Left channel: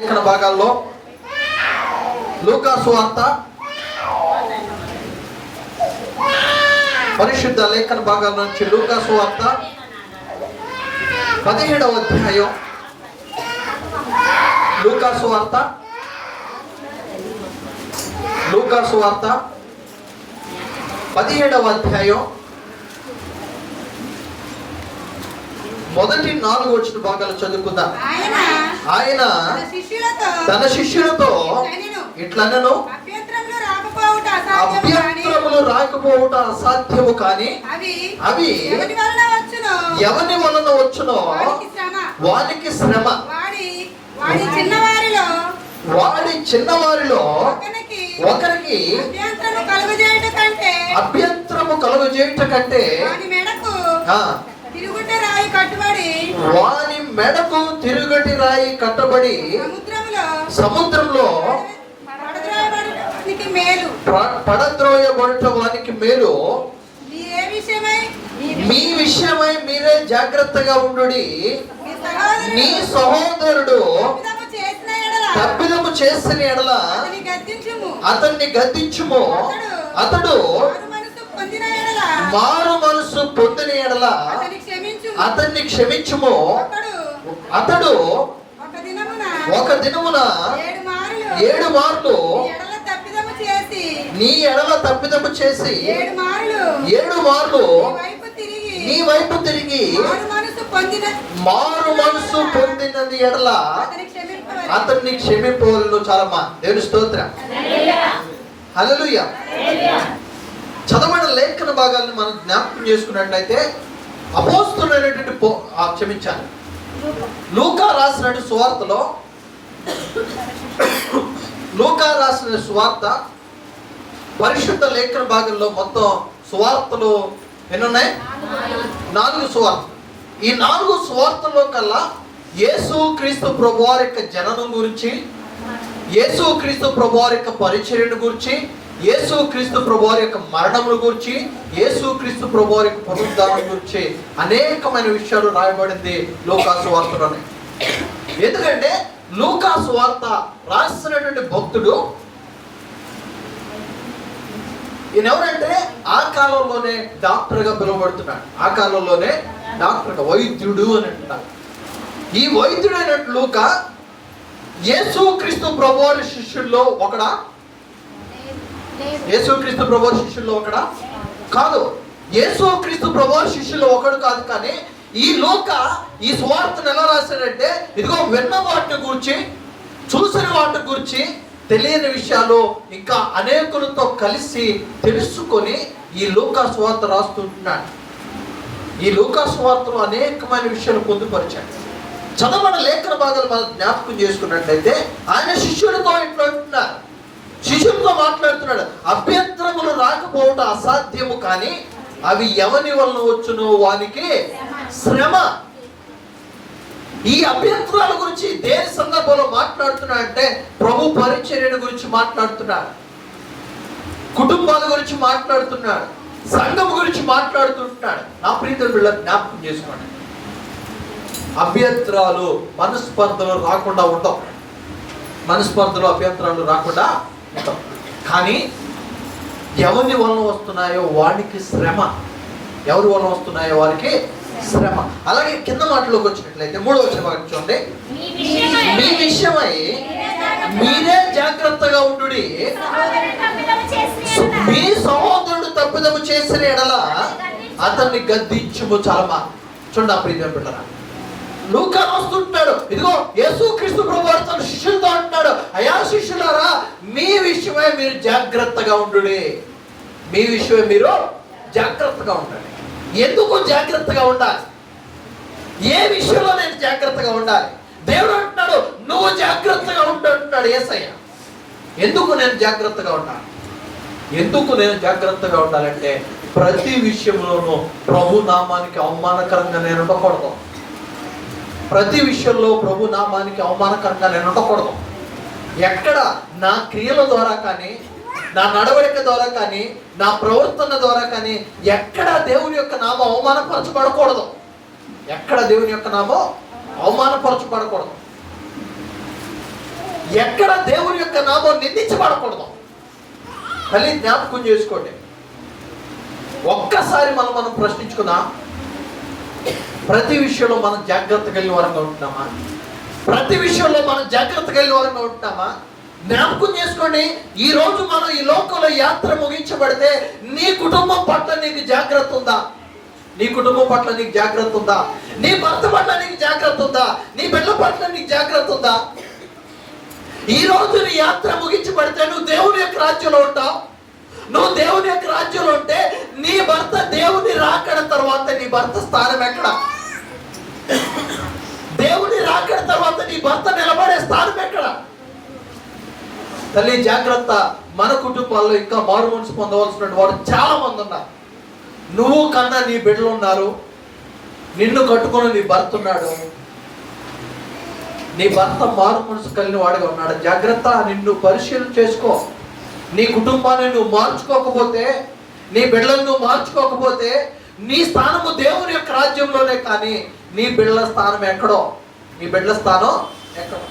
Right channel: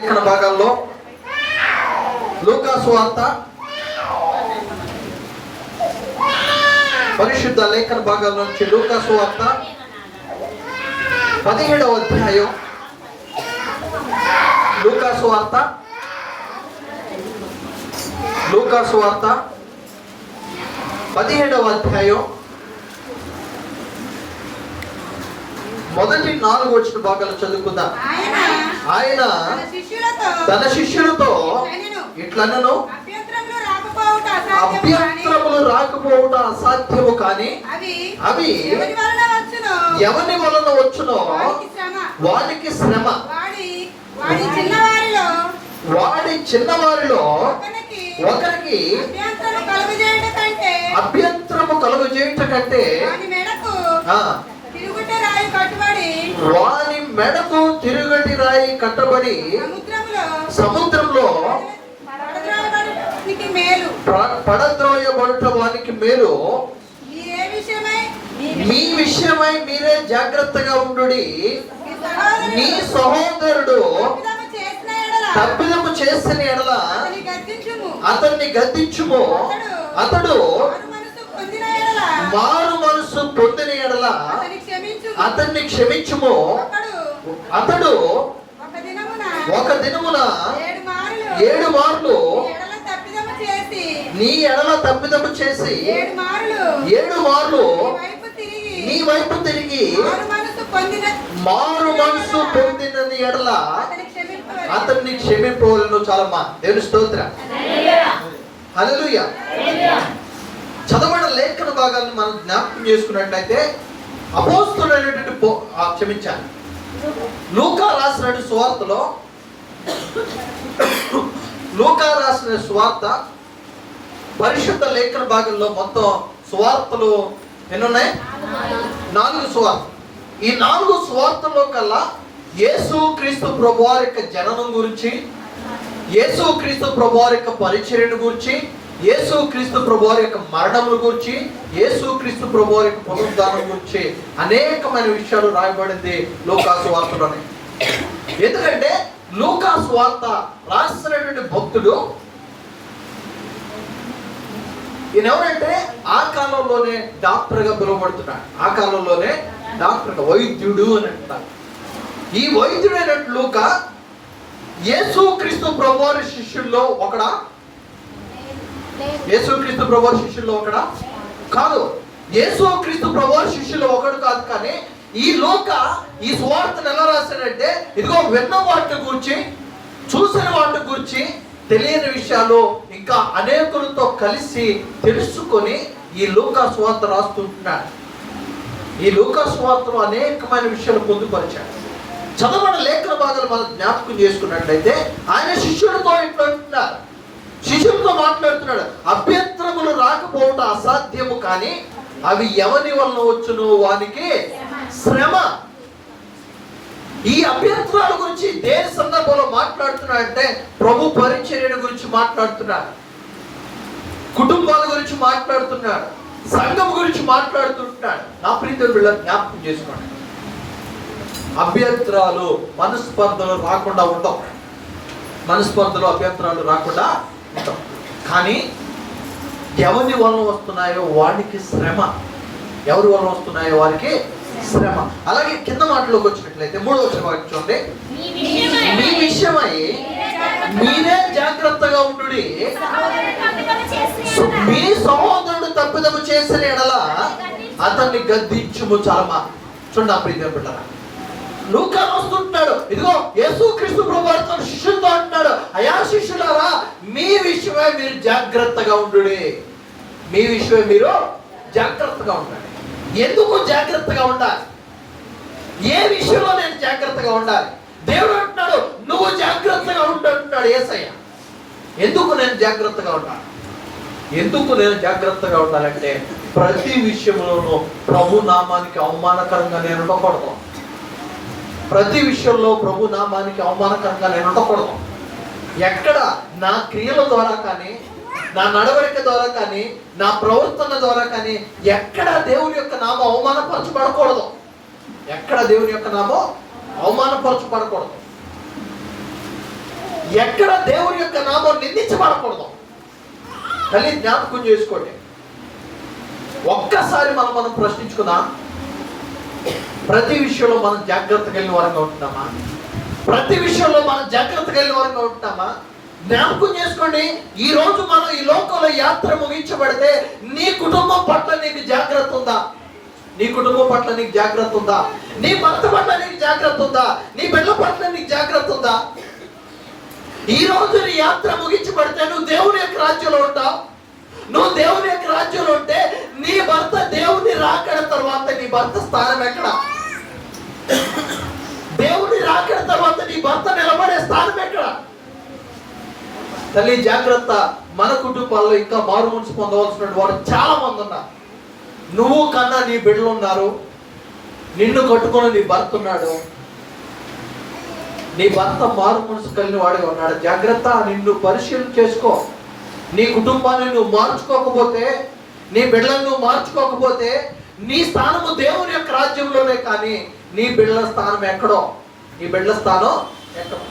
లేఖన భాగాల్లో లూకా సువార్త, పరిశుద్ధ లేఖన భాగాల నుంచి లూకా సువార్త 17వ అధ్యాయం. లూకా సువార్త 17వ అధ్యాయం మొదటి 4 వచ్చిన భాగాలు చదువుకుందాం. ఆయన తన శిష్యులతో ఇట్లనెను, అభ్యంతరములు రాకపోవుట అసాధ్యము, కానీ అవి ఎవరి వలన వచ్చునో వానికి శ్రమ. వాడి చిన్నవారిలో ఒకరికి అభ్యంతరము కలుగజేయుట కంటే వాని మెడకు తిరుగటి రాయి కట్టబడి సముద్రంలో పడద్రోయబడుట వానికి మేలు. మీ విషయమై మీరే జాగ్రత్తగా ఉండుడి. నీ సహోదరుడు తప్పిదము చేసిన ఎడల అతన్ని గద్దించుము. అతడు మారు మనసు పొందిన ఎడల అతన్ని క్షమించుము. అతడు ఒక దినమున 7 మార్లు నీ ఎడల తప్పిదము చేసి 7 మార్లు నీ వైపు తిరిగి మారు మనసు పొందినది ఎడల అతన్ని క్షమింపవలెను. చాలమ్మా, దేవుని స్తోత్రం, హల్లెలూయా. చదవబడిన లేఖన భాగాలను మనం జ్ఞాపకం చేసుకున్నట్లయితే అపోస్తలుడైనటువంటి క్షమించాలి లూకా రాసిన సువార్తలో, లూకా రాసిన సువార్త పరిశుద్ధ లేఖన భాగంలో మొత్తం సువార్తలు ఎన్నున్నాయి? 4 సువార్తలు. ఈ 4 సువార్తల్లో కల్లా యేసు క్రీస్తు ప్రభువారి యొక్క జననం గురించి, యేసు క్రీస్తు ప్రభువారి యొక్క పరిచర్యను గురించి, యేసు క్రీస్తు ప్రభువారి యొక్క మరణముల గురించి, యేసు క్రీస్తు ప్రభువారి యొక్క పునరుద్ధానం గురించి అనేకమైన విషయాలు రాయబడింది లూకా సువార్తలోనే. ఎందుకంటే లూకా సువార్త రాసినటువంటి భక్తుడు ఈయనెవరంటే ఆ కాలంలోనే డాక్టర్గా పిలువబడుతున్నాడు. ఆ కాలంలోనే డాక్టర్గా, వైద్యుడు అని అంటున్నారు. ఈ వైద్యుడైనట్టు లూకా యేసు క్రీస్తు ప్రభువారి శిష్యుల్లో ఒకడా? యేసు క్రీస్తు ప్రభువారి శిష్యుల్లో ఒకడా? కాదు. యేసు క్రీస్తు ప్రభువారి శిష్యుల్లో ఒకడు కాదు. కానీ ఈ లూకా ఈ సువార్తను ఎలా రాశాడంటే, ఇదిగో విన్న వాటిని గురించి, చూసిన వాటిని గురించి, తెలియని విషయాలు ఇంకా అనేకులతో కలిసి తెలుసుకొని ఈ లూకా సువార్త రాస్తుంటున్నాడు. ఈ లూకా సువార్తలో అనేకమైన విషయాలు పొందుపరిచాడు. చదవబడిన లేఖన భాగాలు మనం జ్ఞాపకం చేసుకున్నట్లయితే ఆయన శిష్యులతో ఇట్లంటున్నారు, శిష్యులతో మాట్లాడుతున్నాడు. అభ్యంతరములు రాకపోవడం అసాధ్యము, కానీ అవి ఎవరి వలన వచ్చునో వానికి శ్రమ. ఈ అభ్యంతరాల గురించి దేని సందర్భంలో మాట్లాడుతున్నాడు అంటే, ప్రభు పరిచర్య గురించి మాట్లాడుతున్నాడు, కుటుంబాల గురించి మాట్లాడుతున్నాడు, సంఘం గురించి మాట్లాడుతుంటున్నాడు. నా ప్రియమైన బిడ్డలు జ్ఞాపకం చేసుకోండి, అభ్యంతరాలు మనస్పర్ధలు రాకుండా ఉండవు. మనస్పర్ధలు అభ్యంతరాలు రాకుండా ఉండవు. కానీ ఎవరి వలన వస్తున్నాయో వారికి శ్రమ. ఎవరి వలన వస్తున్నాయో వారికి శ్రమ. అలాగే కింద మాటలోకి వచ్చినట్లయితే 3వ వచనం చూడండి. మీ విషయమై మీరే జాగ్రత్తగా ఉండుడి. మీ సహోదరుడు తప్పిదము చేసిన ఎడల అతన్ని గద్దించుము. చాలమా, చూడండి ఆ ప్రియమైన బిడ్డలారా, లూకా వస్తుంటున్నాడు. ఇదిగో యేసు క్రీస్తు ప్రభువారితో శిష్యులతో అంటున్నాడు, అయా శిష్యులారా, మీ విషయమై మీరు జాగ్రత్తగా ఉండుడి. మీ విషయమై మీరు జాగ్రత్తగా ఉండండి. ఎందుకు జాగ్రత్తగా ఉండాలి? ఏ విషయంలో నేను జాగ్రత్తగా ఉండాలి? దేవుడు అంటున్నాడు, నువ్వు జాగ్రత్తగా ఉంటున్నాడు యేసయ్య. ఎందుకు నేను జాగ్రత్తగా ఉండాలి? ఎందుకు నేను జాగ్రత్తగా ఉండాలంటే, ప్రతి విషయంలోనూ ప్రభు నామానికి అవమానకరంగా నేను ఉండకూడదు. ప్రతి విషయంలో ప్రభు నామానికి అవమానకరంగా నేను ఉండకూడదు. ఎక్కడ నా క్రియల ద్వారా కానీ, నా నడవడిక ద్వారా కానీ, నా ప్రవర్తన ద్వారా కానీ ఎక్కడ దేవుని యొక్క నామం అవమానపరచబడకూడదు. ఎక్కడ దేవుని యొక్క నామం అవమానపరచబడకూడదు. ఎక్కడ దేవుని యొక్క నామం నిందించబడకూడదు. మళ్ళీ జ్ఞాపకం చేసుకోండి. ఒక్కసారి మనం ప్రశ్నించుకుందాం. ప్రతి విషయంలో మనం జాగ్రత్త కలిగి వరంగా ఉంటున్నామా? ప్రతి విషయంలో మనం జాగ్రత్త కలిగి వరంగా ఉంటున్నామా? జ్ఞాపకం చేసుకోండి. ఈ రోజు మనం ఈ లోకంలో యాత్ర ముగించబడితే నీ కుటుంబం పట్ల నీకు జాగ్రత్త ఉందా? నీ కుటుంబం పట్ల నీకు జాగ్రత్త ఉందా? నీ భర్త పట్ల నీకు జాగ్రత్త ఉందా? నీ బిడ్డల పట్ల నీకు జాగ్రత్త ఉందా? ఈ రోజు నీ యాత్ర ముగించబడితే నువ్వు దేవుని యొక్క రాజ్యంలో ఉంటావు. నువ్వు దేవుని యొక్క రాజ్యంలో ఉంటే నీ భర్త దేవుని రాకడ తర్వాత నీ భర్త స్థానం ఎక్కడ? దేవుని రాకడ తర్వాత నీ భర్త నిలబడే స్థానం ఎక్కడ? తల్లి జాగ్రత్త. మన కుటుంబాల్లో ఇంకా మారు మనసు పొందవలసిన వారు చాలా మంది ఉన్నారు. నువ్వు కన్నా నీ బిడ్డలు ఉన్నారు. నిన్ను కట్టుకుని నీ భర్త ఉన్నాడు. నీ భర్త మారు మనసు కలిగిన వాడిగా ఉన్నాడు. జాగ్రత్త. నిన్ను పరిశీలన చేసుకో. నీ కుటుంబాన్ని నువ్వు మార్చుకోకపోతే, నీ బిడ్డలను నువ్వు మార్చుకోకపోతే నీ స్థానము దేవుని యొక్క రాజ్యంలోనే, కానీ నీ బిడ్డల స్థానం ఎక్కడో. నీ బిడ్డల స్థానం ఎక్కడో.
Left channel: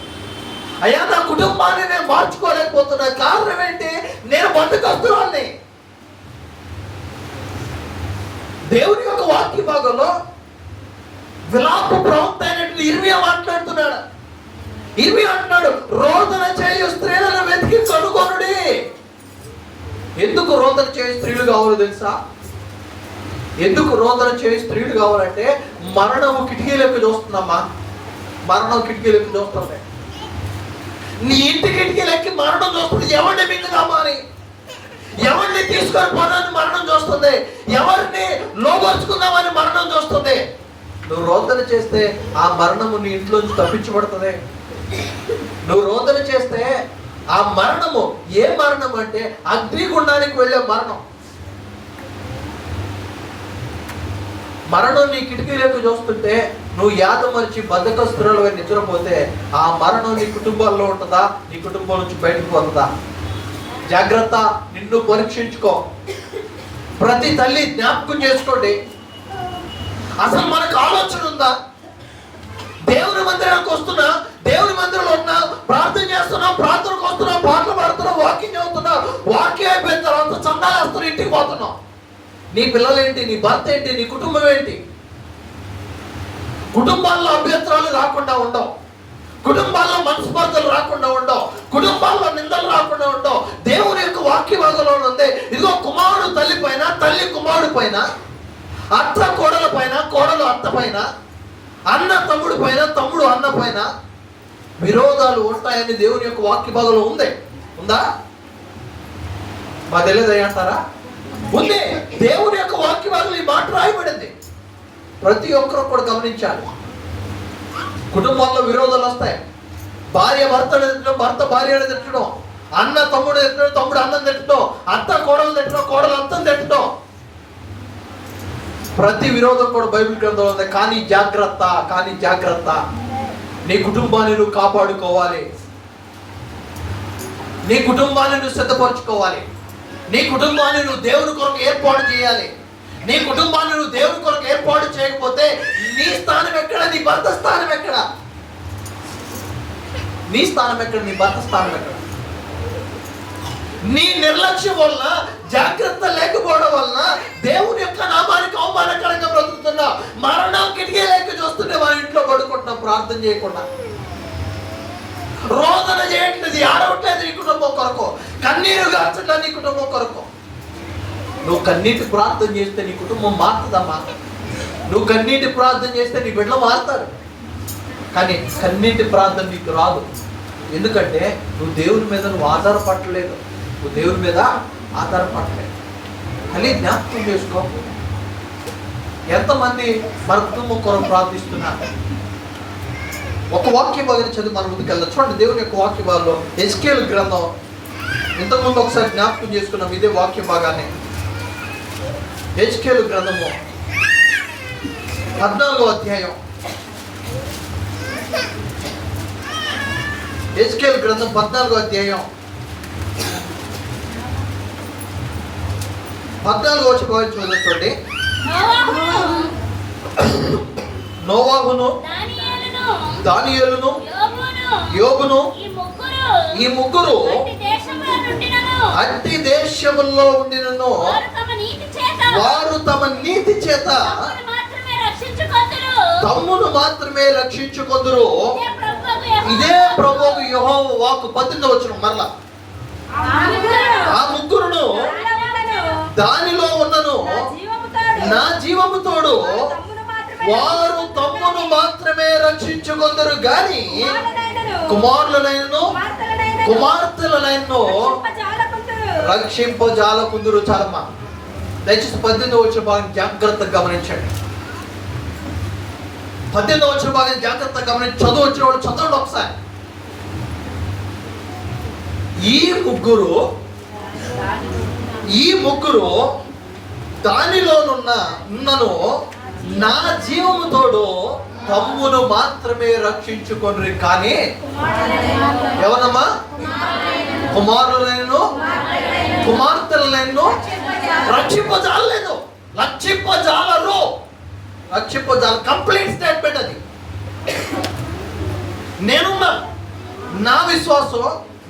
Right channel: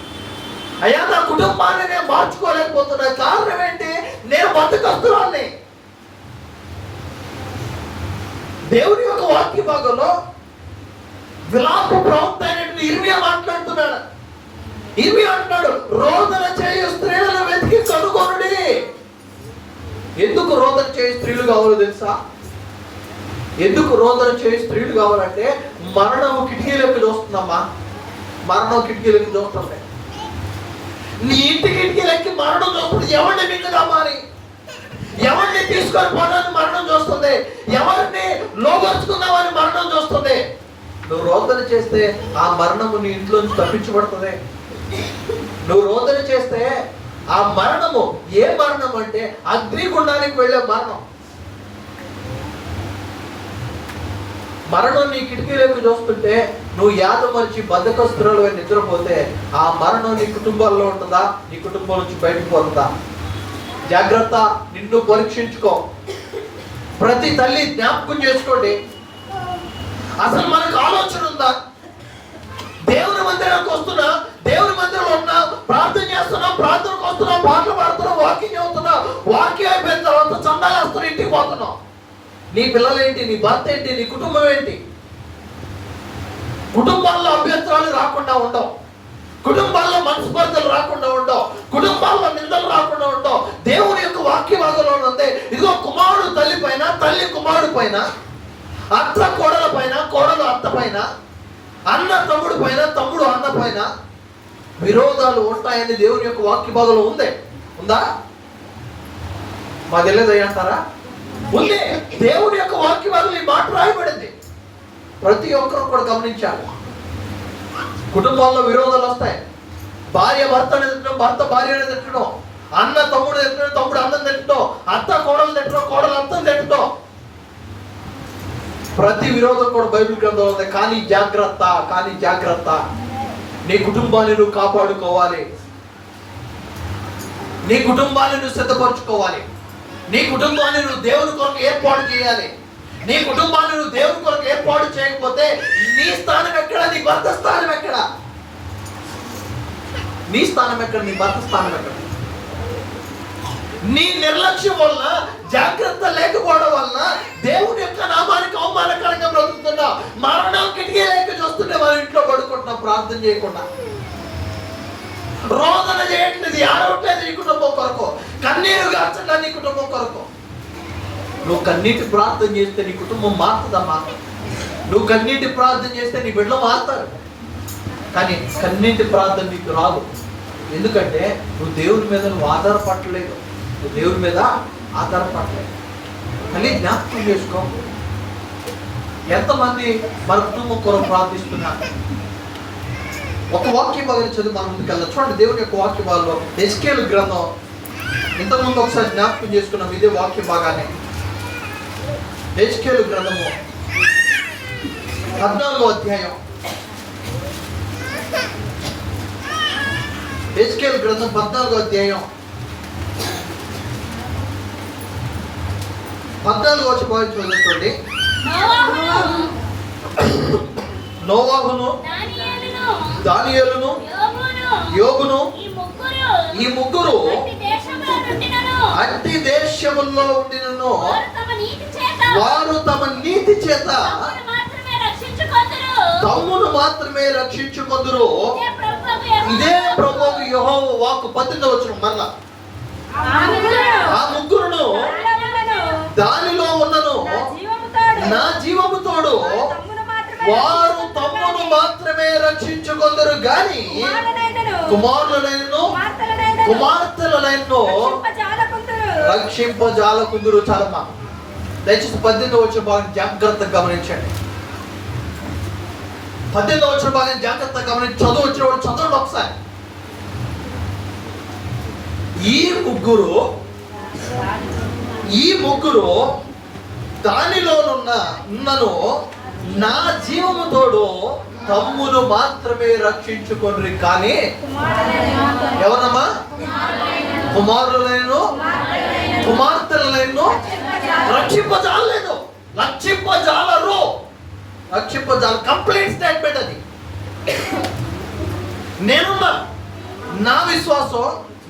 అయ్యా, నా కుటుంబాన్ని నేను మార్చుకోలేకపోతున్నా. కారణం ఏంటి? నేను బద్దకస్తురాల్ని. దేవుని యొక్క వాక్య భాగంలో విలాప ప్రవక్త అయినటువంటి ఇర్మియా మాట్లాడుతున్నాడు. ఇర్మియా అంటున్నాడు, రోదన చేయు స్త్రీలను వెతికి కనుగొనుడి. ఎందుకు రోదన చేయ స్త్రీలు కావాలో తెలుసా? ఎందుకు రోదన చేయ స్త్రీలు కావాలంటే మరణం కిటికీలోకి చూస్తున్నామా? మరణం కిటికీలోకి చూస్తుంది. నీ ఇంటి కిటికీలకి మరణం చూస్తుంది. ఎవరిని మింగుదామని, ఎవరిని తీసుకొని పోదామని మరణం చూస్తుంది. ఎవరిని లోపరుచుకుందామని మరణం చూస్తుంది. నువ్వు రోదన చేస్తే ఆ మరణము నీ ఇంట్లో నుంచి తప్పించబడుతుంది. నువ్వు రోదన చేస్తే ఆ మరణము ఏ మరణం అంటే అగ్నిగుండానికి వెళ్ళే మరణం. మరణం నీ కిటికీలోకి చూస్తుంటే నువ్వు యాదమరిచి బద్ధకస్తురాలు నిద్రపోతే ఆ మరణం నీ కుటుంబాల్లో ఉంటుందా? నీ కుటుంబం నుంచి బయటకు పోతుందా? జాగ్రత్త. నిన్ను పరీక్షించుకో. ప్రతి తల్లి జ్ఞాపకం చేసుకోండి. అసలు మనకు ఆలోచన ఉందా? దేవుని మందిరానికి వస్తున్నా, దేవుని మందిరంలో ఉన్నా, ప్రార్థన చేస్తున్నా, ప్రార్థనకు వస్తున్నా, పాటలు పాడుతున్నా, వాకింగ్ చదువుతున్నా, వాక్యం అయిపోయిన తర్వాత చందాలు వేస్తున్నా, ఇంటికి పోతున్నావు. నీ పిల్లలేంటి? నీ భర్త ఏంటి? నీ కుటుంబం ఏంటి? కుటుంబాల్లో అభ్యంతరాలు రాకుండా ఉండవు. కుటుంబాల్లో మనస్పర్ధలు రాకుండా ఉండవు. కుటుంబాల్లో నిందలు రాకుండా ఉండవు. దేవుని యొక్క వాక్య భాగంలో ఉంది. ఇదిగో కుమారుడు తల్లి పైన, తల్లి కుమారుడు పైన, అత్త కోడల పైన, కోడలు అత్త పైన, అన్న తమ్ముడు పైన, తమ్ముడు అన్న పైన విరోధాలు ఉంటాయని దేవుని యొక్క వాక్య భాగంలో ఉంది. ఉందా? మా తెలియదు అంటారా? ఉంది. దేవుని యొక్క వాక్య భాగంలో ఈ మాట రాయబడింది. ప్రతి ఒక్కరు కూడా గమనించాలి. కుటుంబాల్లో విరోధాలు వస్తాయి. భార్య భర్తను తిట్టడం, భర్త భార్యను తిట్టడం, అన్న తమ్ముడు తిట్టడం, తమ్ముడు అన్నం తిట్టడం, అత్త కోడలు తిట్టడం, కోడలు అత్తను తిట్టడం. ప్రతి విరోధం కూడా బైబిల్ గ్రంథంలో ఉంది. కానీ జాగ్రత్త. కానీ జాగ్రత్త. నీ కుటుంబాన్ని నువ్వు కాపాడుకోవాలి. నీ కుటుంబాన్ని నువ్వు సిద్ధపరచుకోవాలి. నీ కుటుంబాన్ని నువ్వు దేవుని కొరకు ఏర్పాటు చేయాలి. నీ కుటుంబాన్ని నువ్వు దేవుని కొరకు ఏర్పాటు చేయకపోతే నీ స్థానం ఎక్కడ? నీ భర్త స్థానం ఎక్కడ? నీ స్థానం ఎక్కడ? నీ భర్త స్థానం ఎక్కడ? నీ నిర్లక్ష్యం వల్ల, జాగ్రత్త లేకపోవడం వల్ల దేవుని యొక్క నామానికి అవమానకరంగా బ్రతుకుతున్నావు. మరణం కిటికీ లేక చూస్తుంటే మన ఇంట్లో పడుకుంటున్నాం ప్రార్థన చేయకుండా. రోదన చేయట్లేదు, ఆడవట్లేదు నీ కుటుంబం కొరకు, కన్నీరు గార్చట్లేదు నీ కుటుంబం కొరకు. నువ్వు కన్నీటి ప్రార్థన చేస్తే నీ కుటుంబం మారుతుందమ్మా. నువ్వు కన్నీటి ప్రార్థన చేస్తే నీ బిడ్డలు మారుతారు. కానీ కన్నీటి ప్రార్థన నీకు రాదు. ఎందుకంటే నువ్వు దేవుని మీద నువ్వు ఆధారపడలేదు. నువ్వు దేవుని మీద ఆధారపడలేదు. కానీ జ్ఞాపకం చేసుకో. ఎంతమంది మన కుటుంబం కొరకు ప్రార్థిస్తున్నారు? ఒక వాక్య భాగం చదువు మనం ముందుకు వెళ్దాం. చూడండి, దేవుని యొక్క వాక్య భాగంలో హెజ్కేలు గ్రంథం. ఇంతకుముందు ఒకసారి జ్ఞాపకం చేసుకున్నాం ఇదే వాక్య భాగాన్ని. హెజ్కేలు గ్రంథము 14వ అధ్యాయం. హెజ్కేలు గ్రంథం 14వ అధ్యాయం 14వ వచనం చదువుకోండి. నోవాహును, దానియేలును, యోబును ఈ ముగ్గురు అట్టి దేశములో ఉండినను వారు తమ నీతి చేత తమ్మును మాత్రమే రక్షించుకొందురు. ఇదే ప్రభువు యెహోవా వాక్కు. 18వ వచనం మరలా. ఆ ముగ్గురును దానిలో ఉన్నను నా జీవము తోడు వారు తమ్మును మాత్రమే రక్షించుకొందరు గాని కుమారులైనను కుమార్తెలైనను రక్షింపజాలకుందురు. చాలమ్మా, దయచేసి 18వ వచనం భాగం జాగ్రత్తగా గమనించండి. 18వ వచనం భాగం జాగ్రత్తగా గమనించి చదవండి ఒకసారి. ఈ ముగ్గురు దానిలోనున్నను నా జీవము తోడు తమ్మును మాత్రమే రక్షించుకొండ్రి కానీ ఎవరమ్మా? కుమారులైనను కుమార్తెలైనను రక్షింపజాలలేదు. రక్షింపజాల కంప్లీట్ స్టేట్మెంట్ అది. నేనున్నా, నా విశ్వాసం,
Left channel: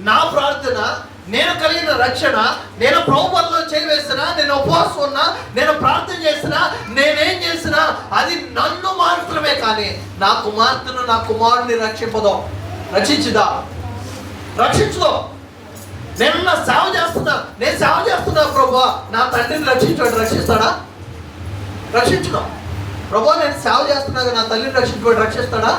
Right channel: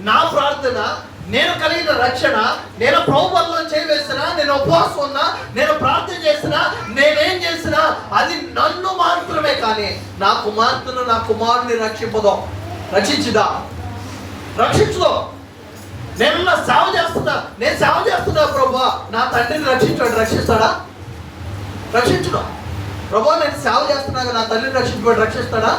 నా ప్రార్థన, నేను కలిగిన రక్షణ, నేను ప్రభువులో చేవేసినా, నేను ఉపవాసం ఉన్నా, నేను ప్రార్థన చేసినా, నేనేం చేసినా అది నన్ను మాత్రమే కానీ నా కుమార్తెను నా కుమారుని రక్షించదో నేను సేవ చేస్తున్నా ప్రభువా, నా తండ్రిని రక్షిస్తాడా? రక్షించడం. ప్రభువా నేను సేవ చేస్తున్నాగా నా తల్లిని రక్షిస్తాడా?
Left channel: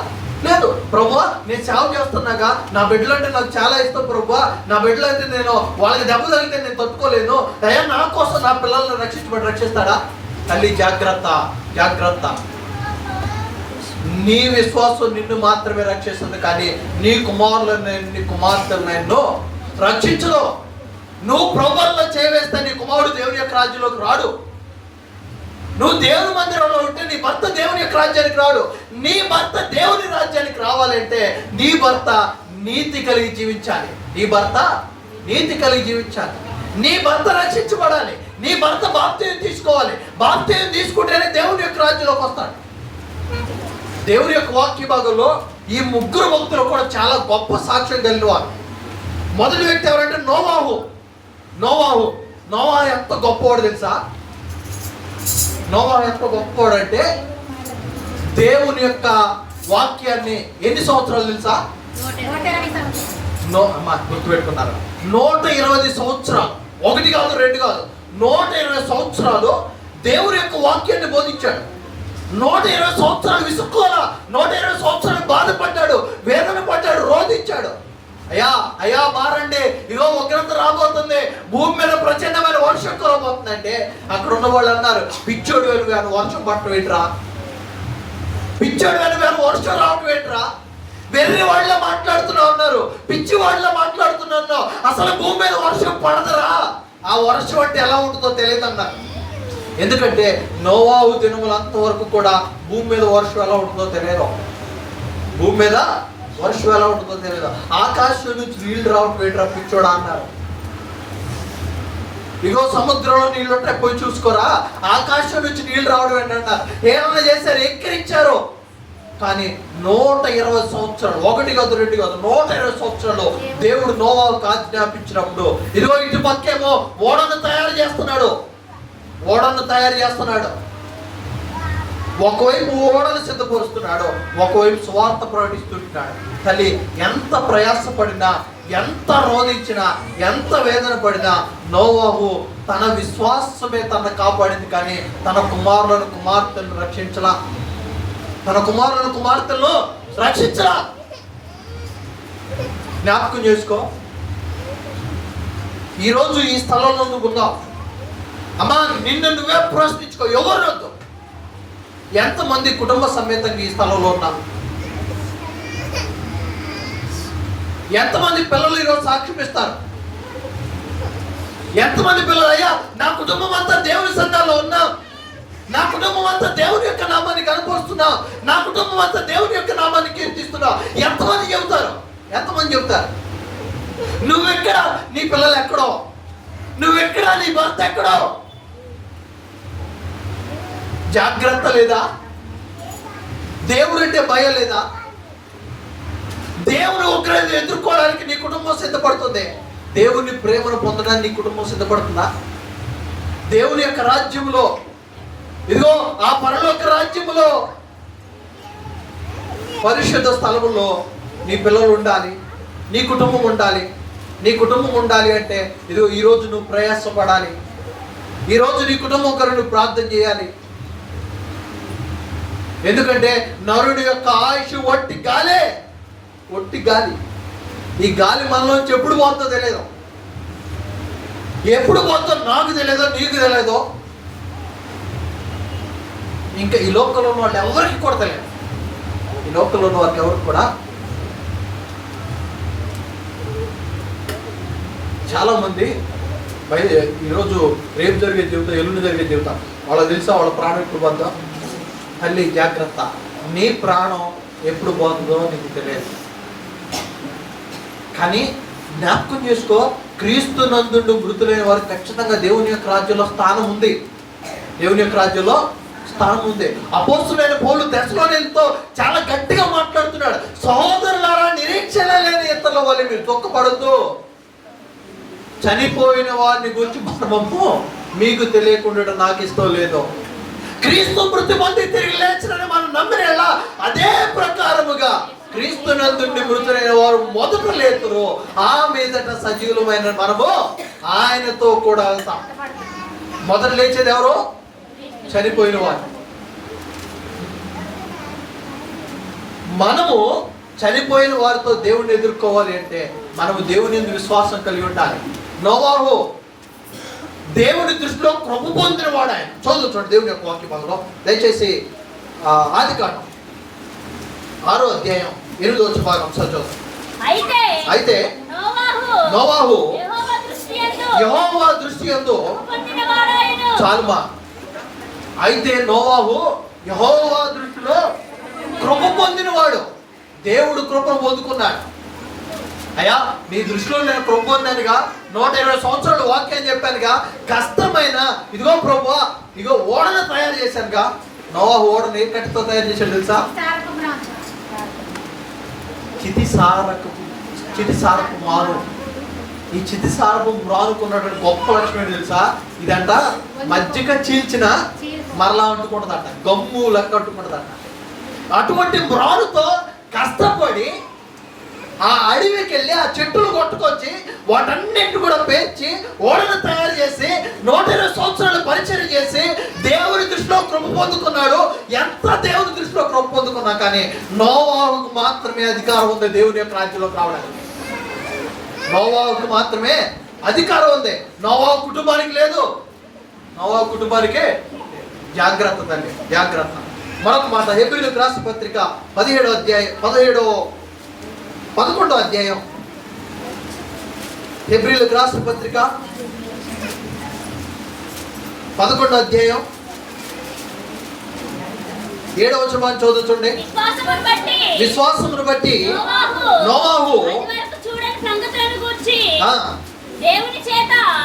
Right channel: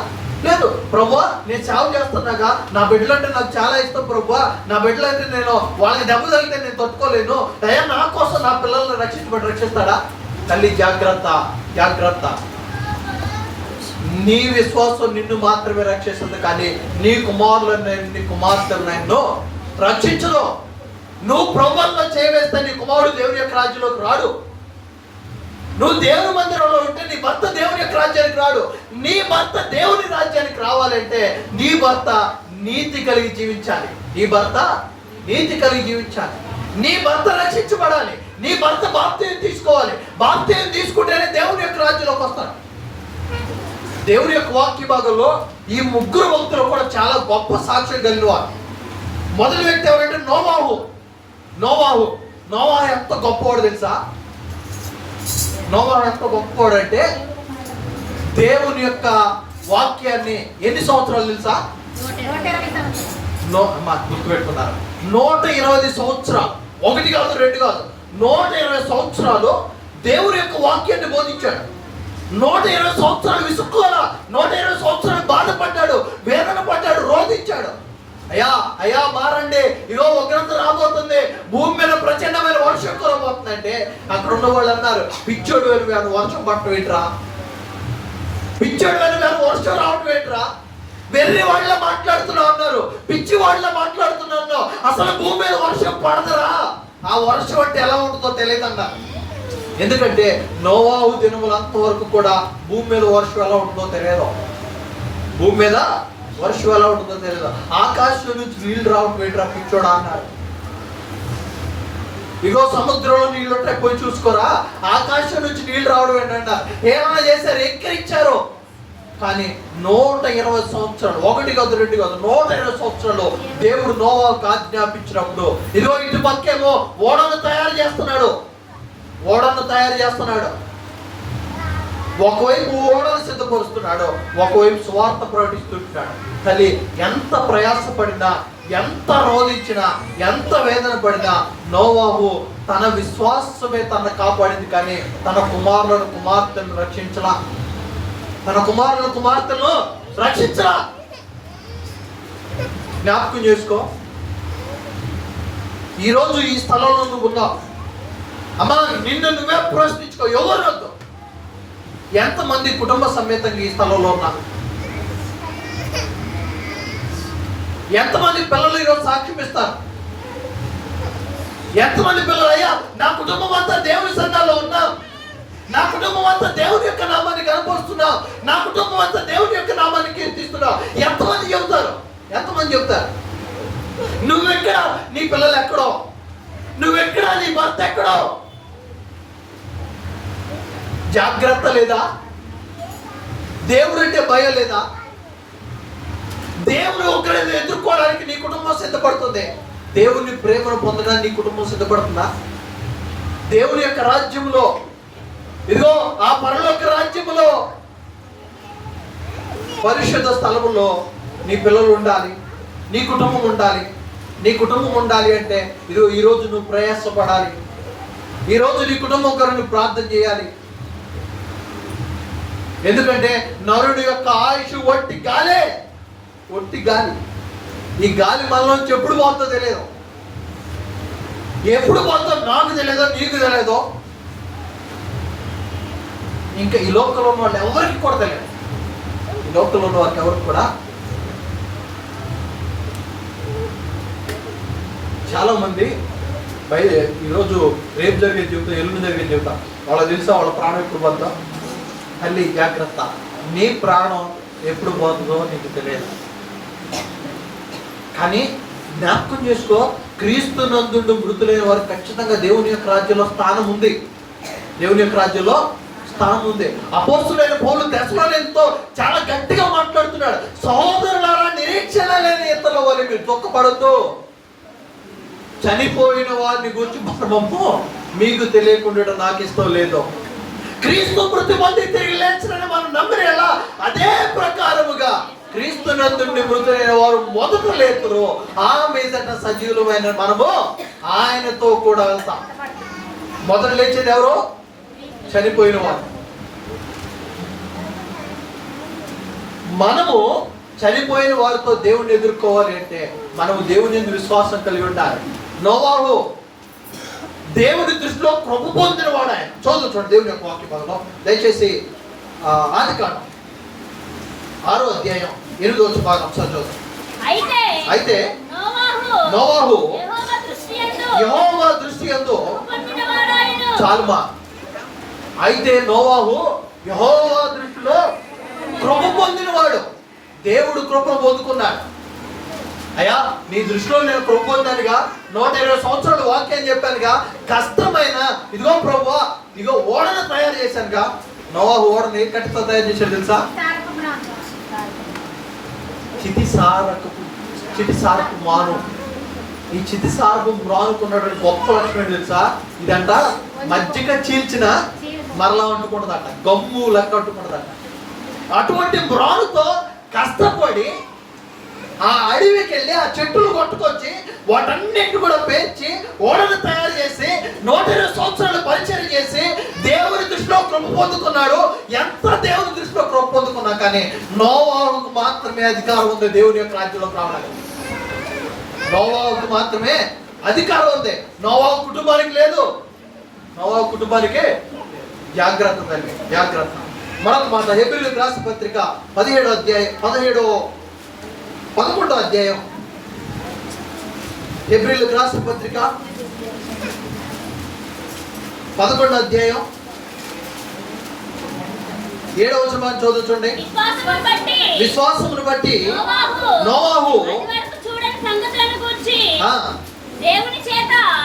లేదు. ప్రభువా నేను సేవ చేస్తున్నాగా నా బిడ్డలు అంటే నాకు చాలా ఇష్టం ప్రభువా, నా బిడ్డలు అంటే నేను వాళ్ళకి దెబ్బ తగిలితే నేను తట్టుకోలేను, దయ నా కోసం నా పిల్లల్ని రక్షిస్తాడా? తల్లి జాగ్రత్త. నీ విశ్వాసం నిన్ను మాత్రమే రక్షిస్తుంది కానీ నీ కుమారులను నీ కుమార్తెలను రక్షించదు. నువ్వు ప్రభువులో చేయవేస్తే నీ కుమారుడు దేవుని యొక్క రాజ్యంలోకి రాడు. నువ్వు దేవుని మందిరంలో ఉంటే నీ భర్త దేవుని యొక్క రాజ్యానికి రాడు. నీ భర్త దేవుని రాజ్యానికి రావాలంటే నీ భర్త నీతి కలిగి జీవించాలి. నీ భర్త రక్షించబడాలి. నీ భర్త బాప్తిసం తీసుకోవాలి. బాప్తిసం తీసుకుంటేనే దేవుని యొక్క రాజ్యంలోకి వస్తాడు. దేవుని యొక్క వాక్య భాగంలో ఈ ముగ్గురు భక్తులు కూడా చాలా గొప్ప సాక్ష్యం కలిగిన వారు. మొదటి వ్యక్తి ఎవరంటే నోవాహు ఎంత గొప్పవాడు తెలుసా? నోవాహు ఎంత గొప్పవాడంటే దేవుని యొక్క వాక్యాన్ని ఎన్ని సంవత్సరాలు తెలుసా? గుర్తుపెట్టుకున్నారు. 120 సంవత్సరాలు. 1 కాదు 2 కాదు, 120 సంవత్సరాలు దేవుని యొక్క వాక్యాన్ని బోధించాడు. 120 సంవత్సరాలు విసుక్కోలా, 120 సంవత్సరాలు బాధపడ్డాడు, వేదన పడ్డాడు, రోధించాడు. అయ్యా మారండి, ఇగో ఉగ్రత రాబోతుంది, భూమి మీద ప్రచండమైన వర్షం కురబోతుందంటే అక్కడ ఉన్న వాళ్ళు అన్నారు, పిచ్చోడు వెను వర్షం పట్టడం ఏంట్రా, పిచ్చోడు వెను వర్షం రావటం ఏంట్రా, వెర్రి వాళ్ళ మాట్లాడుతున్నావు అన్నారు, పిచ్చి వాళ్ళ మాట్లాడుతున్నాను, అసలు భూమి మీద వర్షం పడదురా, ఆ వర్షం అంటే ఎలా ఉంటుందో తెలియదు అన్నారు. ఎందుకంటే నోవాహు దినములంత వరకు కూడా భూమి మీద వర్షం ఎలా ఉంటుందో తెలియదు. ఆకాశం నుంచి నీళ్లు రావటం ఏంట్రా పిచ్చోడా అన్నారు. ఇగో సముద్రంలో నీళ్ళు ఉంటే పోయి చూసుకోరా, ఆకాశం నుంచి నీళ్లు రావడం ఏంటన్నారు. ఏమైనా చేశారు, ఎక్కిరించారు. కానీ 120 సంవత్సరాలు, 1 కాదు 2 కాదు, 120 సంవత్సరాలు దేవుడు నోవాహుకు ఆజ్ఞాపించినప్పుడు ఇదిగో ఇటు పక్కేమో ఓడను తయారు చేస్తున్నాడు. ఒకవైపు ఓడను సిద్ధపరుస్తున్నాడు, ఒకవైపు సువార్త ప్రకటిస్తుంటున్నాడు. తల్లి ఎంత ప్రయాసపడినా, ఎంత రోధించినా, ఎంత వేదన పడినా నోవాహు తన విశ్వాసమే తనను కాపాడింది కానీ తన కుమార్తెలను రక్షించలా. జ్ఞాపకం చేసుకో. ఈరోజు ఈ స్థలంలో నువ్వు ఉన్నావు అమ్మా, నిన్ను నువ్వే ప్రశ్నించుకో. ఎవరు వద్దు, ఎంతమంది కుటుంబ సమేతంగా ఈ స్థలంలో ఉన్నారు? ఎంతమంది పిల్లలు ఈరోజు సాక్ష్యం ఇస్తారు? ఎంతమంది పిల్లలు, అయ్యా నా కుటుంబం అంతా దేవుని సంఘాల్లో ఉన్నాం, నా కుటుంబం అంతా దేవుని యొక్క నామాన్ని కనపరుస్తున్నాం, నా కుటుంబం అంతా దేవుని యొక్క నామాన్ని కీర్తిస్తున్నాం. ఎంతమంది చెబుతారు? నువ్వెక్కడా, నీ పిల్లలు ఎక్కడో, నువ్వెక్కడా, నీ భర్త ఎక్కడో. జాగ్రత్త లేదా? దేవుడు అంటే భయం లేదా? దేవుని ఉగ్రతను ఎదుర్కోవడానికి నీ కుటుంబం సిద్ధపడుతుంది. దేవుని ప్రేమను పొందడానికి నీ కుటుంబం సిద్ధపడుతుందా? దేవుని యొక్క రాజ్యంలో, ఇదిగో ఆ పరలోక రాజ్యంలో, పరిశుద్ధ స్థలములో నీ పిల్లలు ఉండాలి, నీ కుటుంబం ఉండాలి. నీ కుటుంబం ఉండాలి అంటే ఇదిగో ఈరోజు నువ్వు ప్రయాసపడాలి. ఈరోజు నీ కుటుంబం కొరకు నువ్వు ప్రార్థన చేయాలి. ఎందుకంటే నరుడి యొక్క ఆయుష్ ఒట్టి గాలే, ఒట్టి గాలి. ఈ గాలి మనలోంచి ఎప్పుడు పోతుందో తెలియదు. ఎప్పుడు పోతుందో నాకు తెలియదో, నీకు తెలియదో. ఇంకా ఈ లోకంలో ఉన్న వాళ్ళు ఎవరికి కూడా తెలియదు. ఈ లోకంలో ఉన్న వాళ్ళకి ఎవరికి కూడా. చాలా మంది ఈరోజు రేపు జరిగే జీవితం, ఎల్లుండి జరిగే జీవితం వాళ్ళకి తెలుసా వాళ్ళ ప్రాణం ఎప్పుడు పోతుందో. తల్లి జాగ్రత్త, నీ ప్రాణం ఎప్పుడు పోతుందో నీకు తెలియదు. కానీ జ్ఞాపకం చేసుకో, క్రీస్తు నందుండు మృతులైన వారు ఖచ్చితంగా దేవుని యొక్క రాజ్యంలో స్థానం ఉంది. దేవుని యొక్క రాజ్యంలో స్థానం ఉంది. అపోస్తులైన పౌలు తెస్సలోనికీయులతో చాలా గట్టిగా మాట్లాడుతున్నాడు. సహోదరులారా, నిరీక్షణ లేని ఇతరుల వల్ల మీరు దుఃఖపడద్దు. చనిపోయిన వారిని గురించి మనము మీకు తెలియకుండా నాకు ఇష్టం లేదు. క్రీస్తు మృతి పొంది తిరిగి లేచినని మనం నమ్మిన అదే ప్రకారముగా క్రీస్తు నందుండి మృతులైన వారు మొదట లేతురు, ఆ మీదట సజీవులమైన మనము ఆయనతో కూడా వెళ్తాం. మొదట లేచేది ఎవరు? చనిపోయిన వారు. మనము చనిపోయిన వారితో దేవుణ్ణి ఎదుర్కోవాలి అంటే మనము దేవుని విశ్వాసం కలిగి ఉండాలి. నోవాహు దేవుని దృష్టిలో కృప పొందిన వాడు. ఆయన చూడండి దేవుని యొక్క వాక్య భాగంలో దయచేసి ఆదికాండం 6వ అధ్యాయం 8వ వచనం ఒకసారి చూద్దాం. అయితే నోవాహు యెహోవా దృష్టి యందు చాలుమా. అయితే నోవాహు యెహోవా దృష్టిలో కృప పొందినవాడు. దేవుడు కృపను పొందుకున్నాడు. అయ్యా, నీ దృష్టిలో నేను కృప పొందానుగా, 120 సంవత్సరాలు వాక్యం చెప్పానుగా, కష్టమైన ఇదిగో ప్రభువా, ఇదిగో ఓడను తయారు చేశానుగా. నోవాహు ఓడని కట్టితో తయారు చేశాడు తెలుసా? చితిసారపు మాను. ఈ చితిసారపు మ్రానుకున్నటువంటి గొప్ప లక్షణం తెలుసా? ఇదంట మజ్జిగ చీల్చిన మరలా అంటుకుంటుందట, గమ్ము లెక్క అంటుకుంటుందట. అటువంటి మ్రానుతో కష్టపడి ఆ అడవికి వెళ్ళి ఆ చెట్టులు కొట్టుకొచ్చి వాటన్నిటిని కూడా పేర్చి ఓడను తయారు చేసి 120 సంవత్సరాలు పరిచయం చేసి దేవుని దృష్టిలో కృప పొందుకున్నాడు. ఎంత దేవుని దృష్టిలో కృప పొందుకున్నా కానీ నోవాహుకు మాత్రమే అధికారం ఉంది దేవుని యొక్క రాజ్యంలోకి రావడానికి. నోవాహుకు మాత్రమే అధికారం ఉంది, నోవాహు కుటుంబానికి లేదు. నోవాహు కుటుంబానికి జాగ్రత్త తల్లి, జాగ్రత్త. మరొక మాట, హెబ్రీయులకు రాసిన పత్రిక 11వ అధ్యాయం 11వ అధ్యాయం హెబ్రీయులకు రాసిన పత్రిక 11వ అధ్యాయం 7వ వచనం చదువుతుండే. విశ్వాసమును బట్టి నోవాహు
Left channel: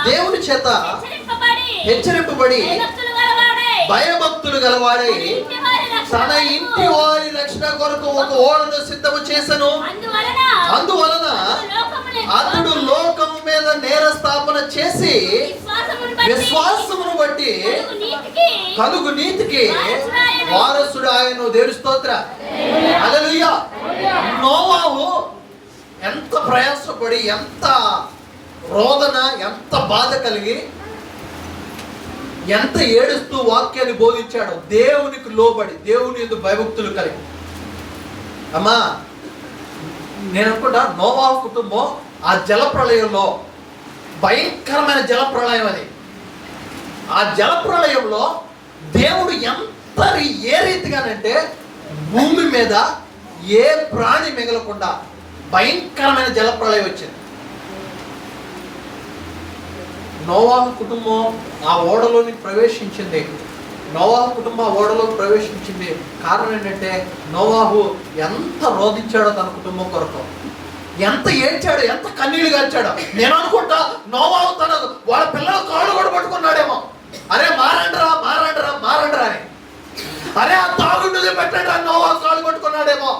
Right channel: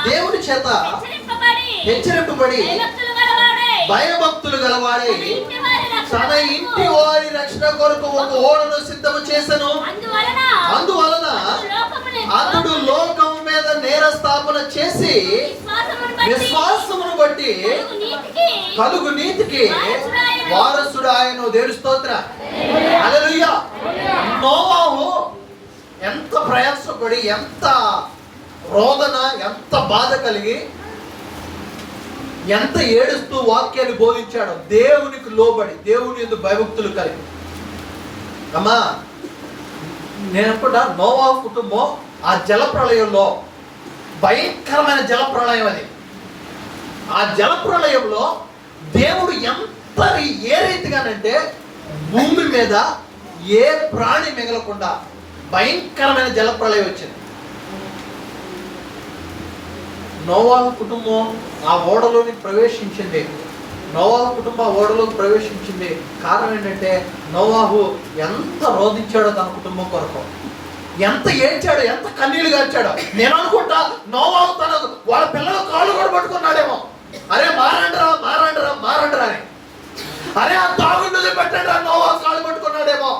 దేవుని చేత హెచ్చరింపబడి భయభక్తులు గలవాడై తన ఇంటి వారి రక్షణ కొరకు ఒక ఓడను సిద్ధము చేసెను. అందువలన అతడు లోకము మీద నేర స్థాపన చేసి విశ్వాసమును బట్టి కలుగు నీతికి వారసుడు ఆయన. దేవుని స్తోత్రం, హల్లెలూయా. నోవాహు ఎంత ప్రయాసపడి, ఎంత రోదన, ఎంత బాధ కలిగి, ఎంత ఏడుస్తూ వాక్యాన్ని బోధించాడు. దేవునికి లోబడి, దేవుని యందు భయభక్తులు కలిగి. అమ్మా, నేను అనుకుంటా నోవాహు కుటుంబం ఆ జలప్రళయంలో, భయంకరమైన జలప్రళయం అది. ఆ జలప్రళయంలో దేవుడు ఏ రీతిగానంటే భూమి మీద ఏ ప్రాణి మిగలకుండా భయంకరమైన జలప్రళయం వచ్చింది. నోవాహు కుటుంబం ఆ ఓడలోని ప్రవేశించింది. నోవాహు కుటుంబం ఆ ఓడలోకి ప్రవేశించింది. కారణం ఏంటంటే నోవాహు ఎంత రోధించాడో తన కుటుంబం కొరకు, ఎంత ఏడ్చాడో, ఎంత కన్నీళ్లు గార్చాడో. నేను అనుకుంటా నోవాహు తన వాళ్ళ పిల్లల కాళ్ళు కూడా పట్టుకున్నాడేమో. అరే మారండిరా, మారండిరా, మారండిరా అని. అరే ఆ తాగుండుది పెట్టండి, నోవాహు కాళ్ళు పట్టుకున్నాడేమో.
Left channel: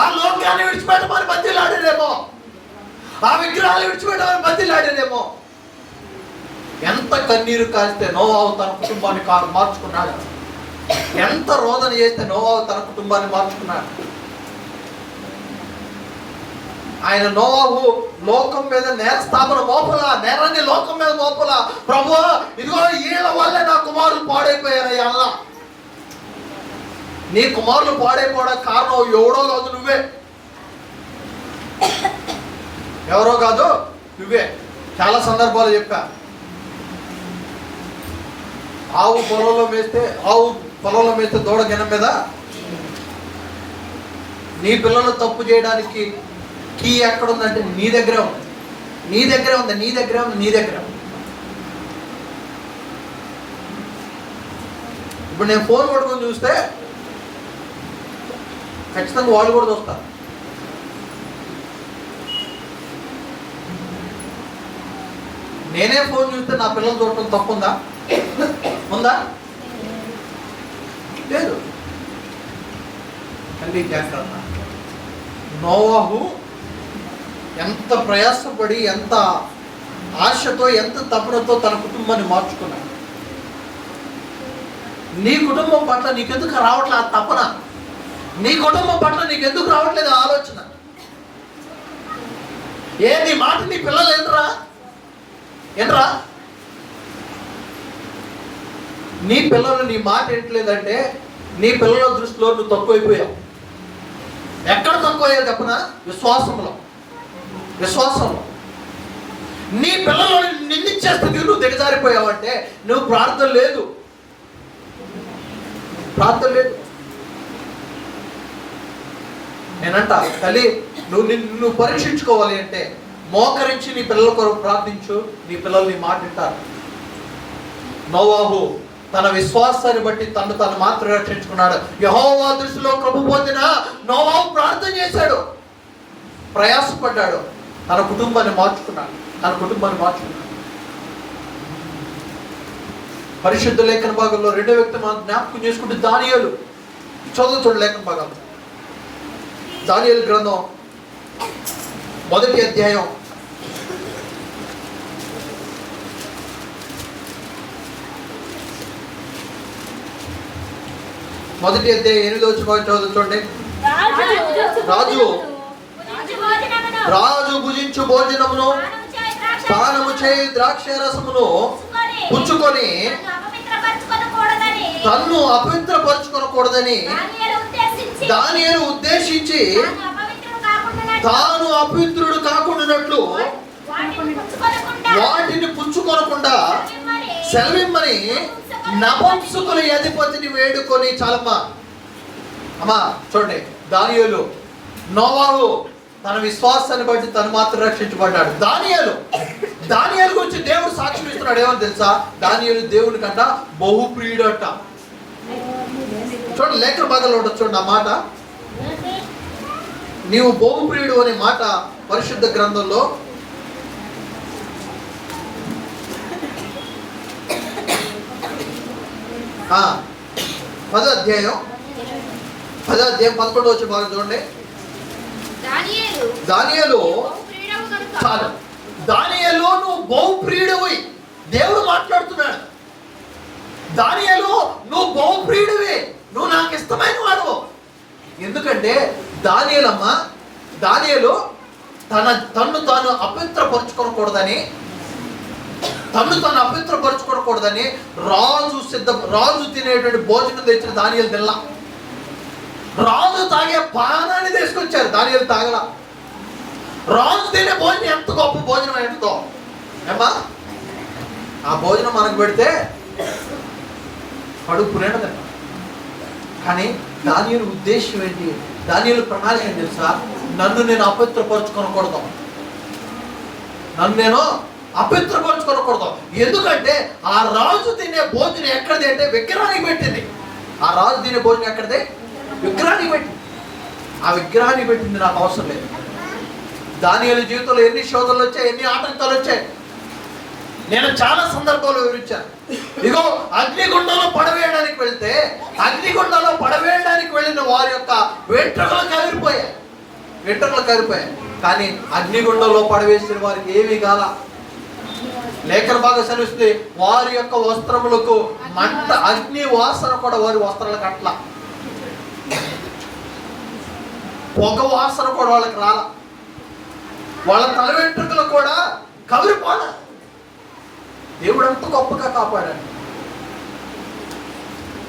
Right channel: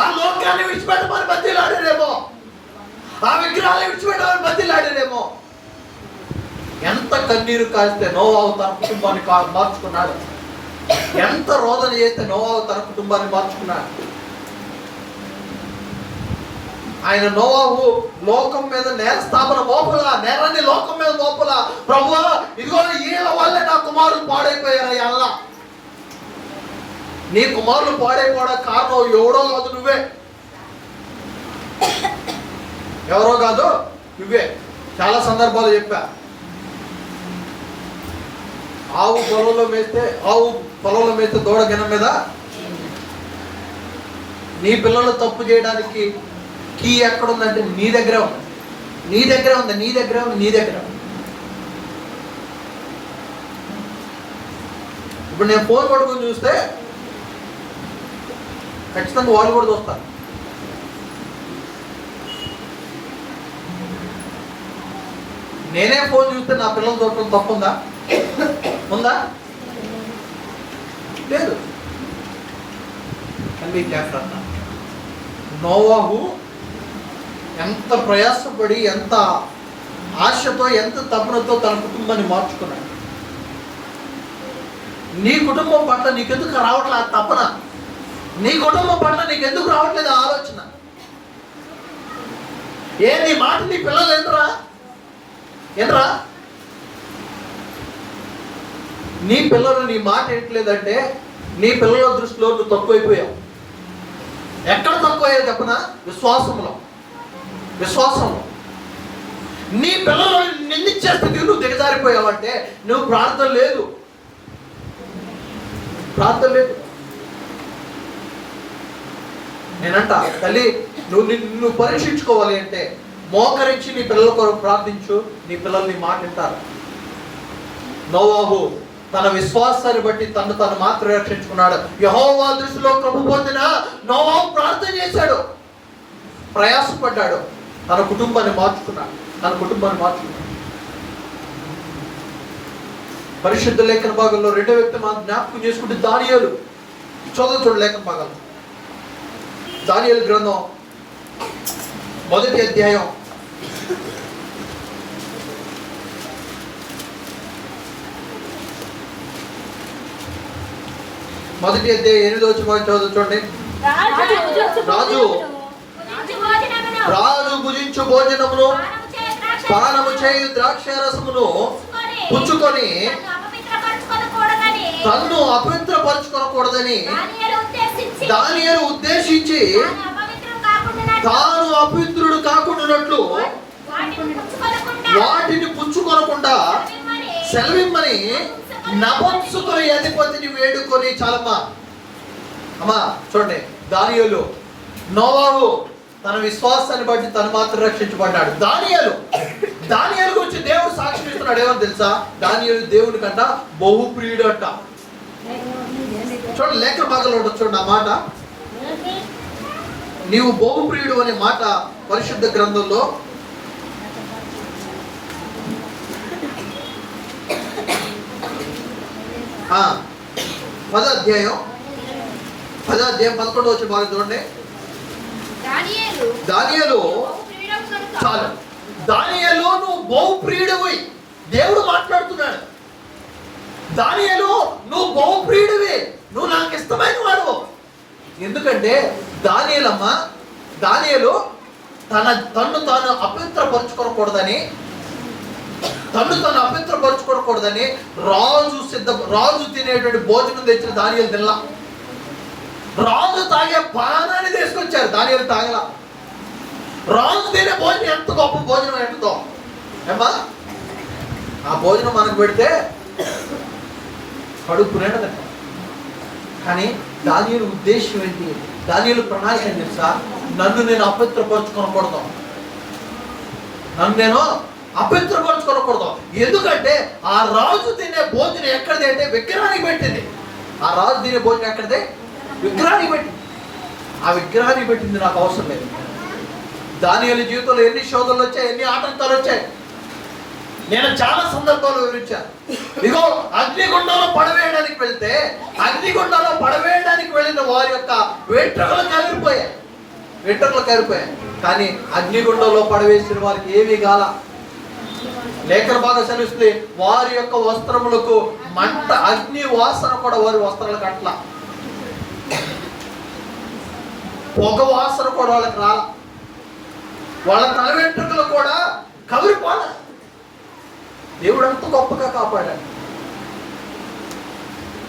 ఆ లోకాన్ని విడిచిపెట్టమని మధ్యలో ఆడాడేమో. ఆ విగ్రహాలు విడిచిపెట్టమని బతిలాడాడేమో. ఎంత కన్నీరు కాస్తే నోవాహు తన కుటుంబాన్ని మార్చుకున్నాడు. ఎంత రోదన చేస్తే నోవాహు తన కుటుంబాన్ని మార్చుకున్నాడు. ఆయన నోవాహు లోకం మీద నేర స్థాపన మోపలా, నేరాన్ని లోకం మీద మోపలా. ప్రభువా ఇదిగో వీళ్ళ వల్లే నా కుమారులు పాడైపోయారయ్యా అన్నా. నీ కుమారులు పాడైపోవడానికి కారణం ఎవడో కాదు, నువ్వే. ఎవరో కాదు, నువ్వే. చాలా సందర్భాలు చెప్పా. ఆవు పొలంలో మేస్తే దూడ గిన్నె మీద. నీ పిల్లలు తప్పు చేయడానికి కీ ఎక్కడుందంటే నీ దగ్గరే ఉంది. ఇప్పుడు నేను ఫోన్ పడుకుని చూస్తే ఖచ్చితంగా వాళ్ళు కూడా చూస్తారు. నేనే ఫోన్ చూస్తే నా పిల్లలు చూడటం తప్పుందా? ఉందా? లేదు. తల్లి జాగ్రత్త. నోవాహు ఎంత ప్రయాసపడి, ఎంత ఆశతో, ఎంత తపనతో తన కుటుంబాన్ని మార్చుకున్నాడు. నీ కుటుంబం పట్ల నీకెందుకు రావట్లేదు ఆ తపన? నీ కుటుంబం పట్ల నీకెందుకు రావట్లేదు ఆలోచన? నీ మాట నీ పిల్లలు ఏంట్రా? నీ పిల్లలు నీ మాట ఏంటలేదంటే నీ పిల్లల దృష్టిలో నువ్వు తక్కువైపోయావు. ఎక్కడ తక్కువయ్యావు చెప్పనా? విశ్వాసంలో. నీ పిల్లలు నిందించే స్థితికి నువ్వు దిగజారిపోయావు అంటే నువ్వు ప్రార్థన లేదు. నేనంట తల్లి, నువ్వు పరీక్షించుకోవాలి అంటే మోకరించి నీ పిల్లల కొరకు ప్రార్థించు. నీ పిల్లలు నీ మాట వింటారు. నోవాహు తన విశ్వాసాన్ని బట్టి తను మాత్రం రక్షించుకున్నాడు. యెహోవా దృష్టిలో కృప పొందిన నోవాహు ప్రార్థన చేశాడు, ప్రయాసపడ్డాడు, తన కుటుంబాన్ని మార్చుకున్నాడు. పరిశుద్ధ లేఖన భాగంలో రెండో వ్యక్తి మనం జ్ఞాపకం చేసుకుంటే దానియేలు. చూడండి లేఖన భాగంలో దానియేలు గ్రంథం 1వ అధ్యాయం 8వ వచనం చూడండి. రాజు భుజించు భోజనమును పానము చేయి ద్రాక్షరసమును పుచ్చుకొని తన్ను అపవిత్రపరచుకొనకూడదని దానియేలు ఉద్దేశించి తాను అపవిత్రుడు కాకుండానట్లు వాటిని పుచ్చుకొనకుండా సెలవిమ్మని నపుంసకుల అధిపతిని వేడుకొని. చాలమ్మా అమ్మా చూడండి. దానియేలు, నోవాహు తన విశ్వాసాన్ని బట్టి తను మాత్రం రక్షించబడ్డాడు. దానియేలు గురించి దేవుడు సాక్ష్యం ఇస్తున్నాడు. ఏమని తెలుసా? దానియేలు దేవుని కన్నా బహుప్రియుడు అంట. చూడండి లేఖన భాగంలో ఉండొచ్చు చూడండి ఆ మాట. నీవు బహుప్రియుడు అనే మాట పరిశుద్ధ గ్రంథంలో పదో అధ్యాయం 11వ వచనం భాగం చూడండి. దానియేలు చాలు. దానియేలు నువ్వు బహుప్రియుడివి. దేవుడు మాట్లాడుతున్నాడు. దానియేలు నువ్వు బహుప్రియుడివి, నువ్వు నాకు ఇష్టమైన వాడు. ఎందుకంటే దానియేలు తన్ను తాను అపవిత్రపరచుకోకూడదని రాజు తినేటువంటి భోజనం తెచ్చిన దానియేలు తినలా. రాజు తాగే పానాన్ని తీసుకొచ్చారు, దానియేలు తాగల. రాజు తినే భోజనం ఎంత గొప్ప భోజనం ఏంటో ఏమ్మా. ఆ భోజనం మనకు పెడితే కడుపు నిండా తింటాం. కానీ దానియేలు ఉద్దేశం ఏంటి? దానియేలు ప్రణాళిక ఏం తెలుసా? నన్ను నేను అపవిత్రపరచుకోకూడదు. ఎందుకంటే ఆ రాజు తినే భోజనం ఎక్కడిది అంటే విగ్రహానికి పెట్టింది. ఆ రాజు తినే భోజనం ఎక్కడిది? విగ్రహానికి పెట్టింది. ఆ విగ్రహానికి పెట్టింది నాకు అవసరం లేదు. దానియేలు జీవితంలో ఎన్ని శోధనలు వచ్చాయి, ఎన్ని ఆటంకాలు వచ్చాయి. నేను చాలా సందర్భాలు వివరించాను. ఇగో అగ్నిగుండంలో పడవేయడానికి వెళ్ళిన వారి యొక్క వెంట్రుకలు కవిరిపోయాయి. కానీ అగ్నిగుండంలో పడవేసిన వారికి ఏమీ కాల. లేఖన బాగా సెలవిస్తుంది, వారి యొక్క వస్త్రములకు మంట, అగ్ని వాసన కూడా వారి వస్త్రాలకు అట్లా, పొగ వాసన కూడా వాళ్ళకి రాల, వాళ్ళ తల వెంట్రుకలు కూడా కవిరిపోల. దేవుడు ఎంత గొప్పగా కాపాడాడు.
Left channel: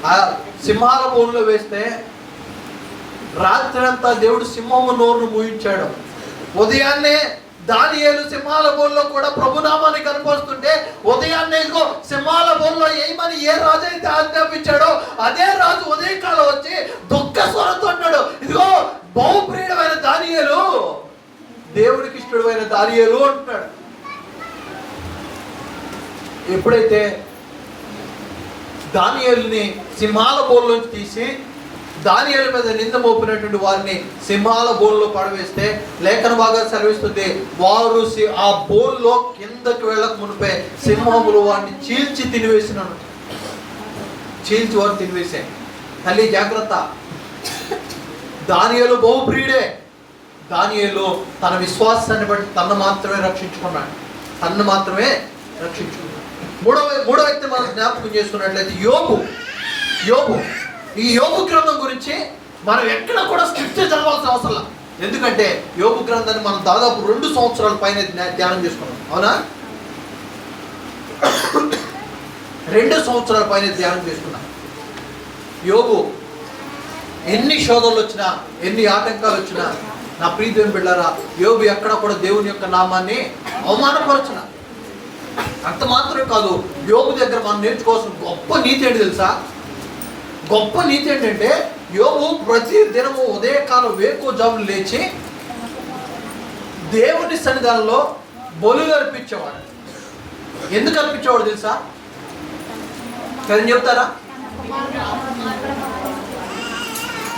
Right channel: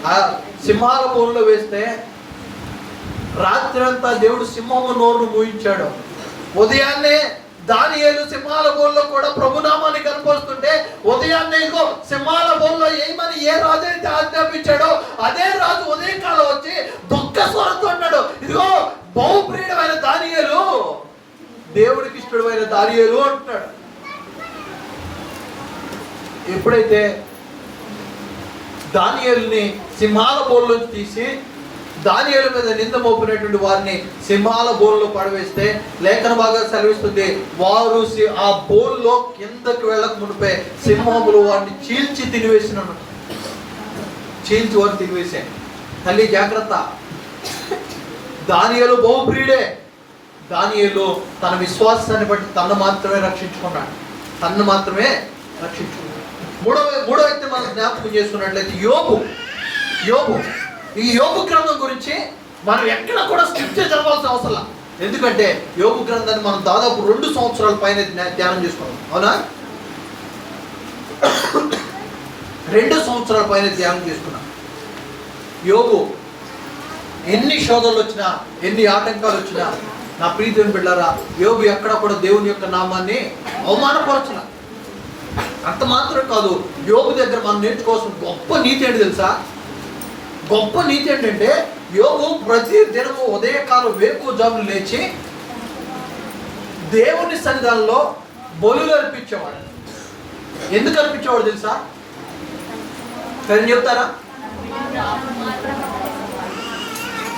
ఆ సింహాల బోన్లో వేస్తే రాత్రి అంతా దేవుడు సింహము నోరు మూయించాడు. ఉదయాన్నే దానియేలు సింహాల బోన్లో కూడా ప్రభునామాన్ని కనపరుస్తుంటే, ఉదయాన్నే ఇదిగో సింహాల బోన్లో ఏమని ఏ రాజు అయితే ఆజ్ఞాపించాడో అదే రాజు ఉదయకాలం వచ్చి దుఃఖ స్వరంతో అన్నాడు, ఇదిగో బహుప్రియుడమైన దానియేలు, దేవుడికి ఇష్టమైన దానియేలు అంటున్నాడు. ఎప్పుడైతే దానియేలుని సింహాల బోన్లోంచి తీసి దానియేలు మీద నింద మోపినటువంటి వారిని సింహాల బోన్లో పడవేస్తే లేఖన బాగా సెలవిస్తుంది, వారు ఆ బోన్లో కిందకి వెళ్ళక మునిపే సింహములు వారిని చీల్చి తినివేసినాను. చీల్చి వారిని తినివేసే. తల్లి జాగ్రత్త. దానియేలు బహుప్రియుడే. దానియేలు తన విశ్వాసాన్ని బట్టి తన్ను మాత్రమే రక్షించుకున్నాడు. మూడో వ్యక్తి మనం జ్ఞాపకం చేసుకున్నట్లయితే యోబు. ఈ యోబు గ్రంథం గురించి మనం ఎక్కడ కూడా స్క్రిప్చర్ చదవాల్సిన అవసరం. ఎందుకంటే యోబు గ్రంథాన్ని మనం దాదాపు 2 సంవత్సరాల పైన ధ్యానం చేసుకున్నాం. అవునా? 2 సంవత్సరాల పైన ధ్యానం చేసుకున్నాం. యోబు ఎన్ని శోధనలు వచ్చినా, ఎన్ని ఆటంకాలు వచ్చినా, నా ప్రియదేవుని బిడ్డలారా, యోబు ఎక్కడ కూడా దేవుని యొక్క నామాన్ని అవమానపరచన. అంత మాత్రం కాదు, యోబు దగ్గర మనం నేర్చుకోవాల్సిన గొప్ప నీతి ఏంటి తెలుసా? గొప్ప నీతి ఏంటంటే, యోబు ప్రతి దినము ఉదయకాలం వేకువజామున లేచి దేవుని సన్నిధానంలో బలులు అర్పించేవాడు. ఎందుకు అర్పించేవాడు తెలుసా? చెప్తారా?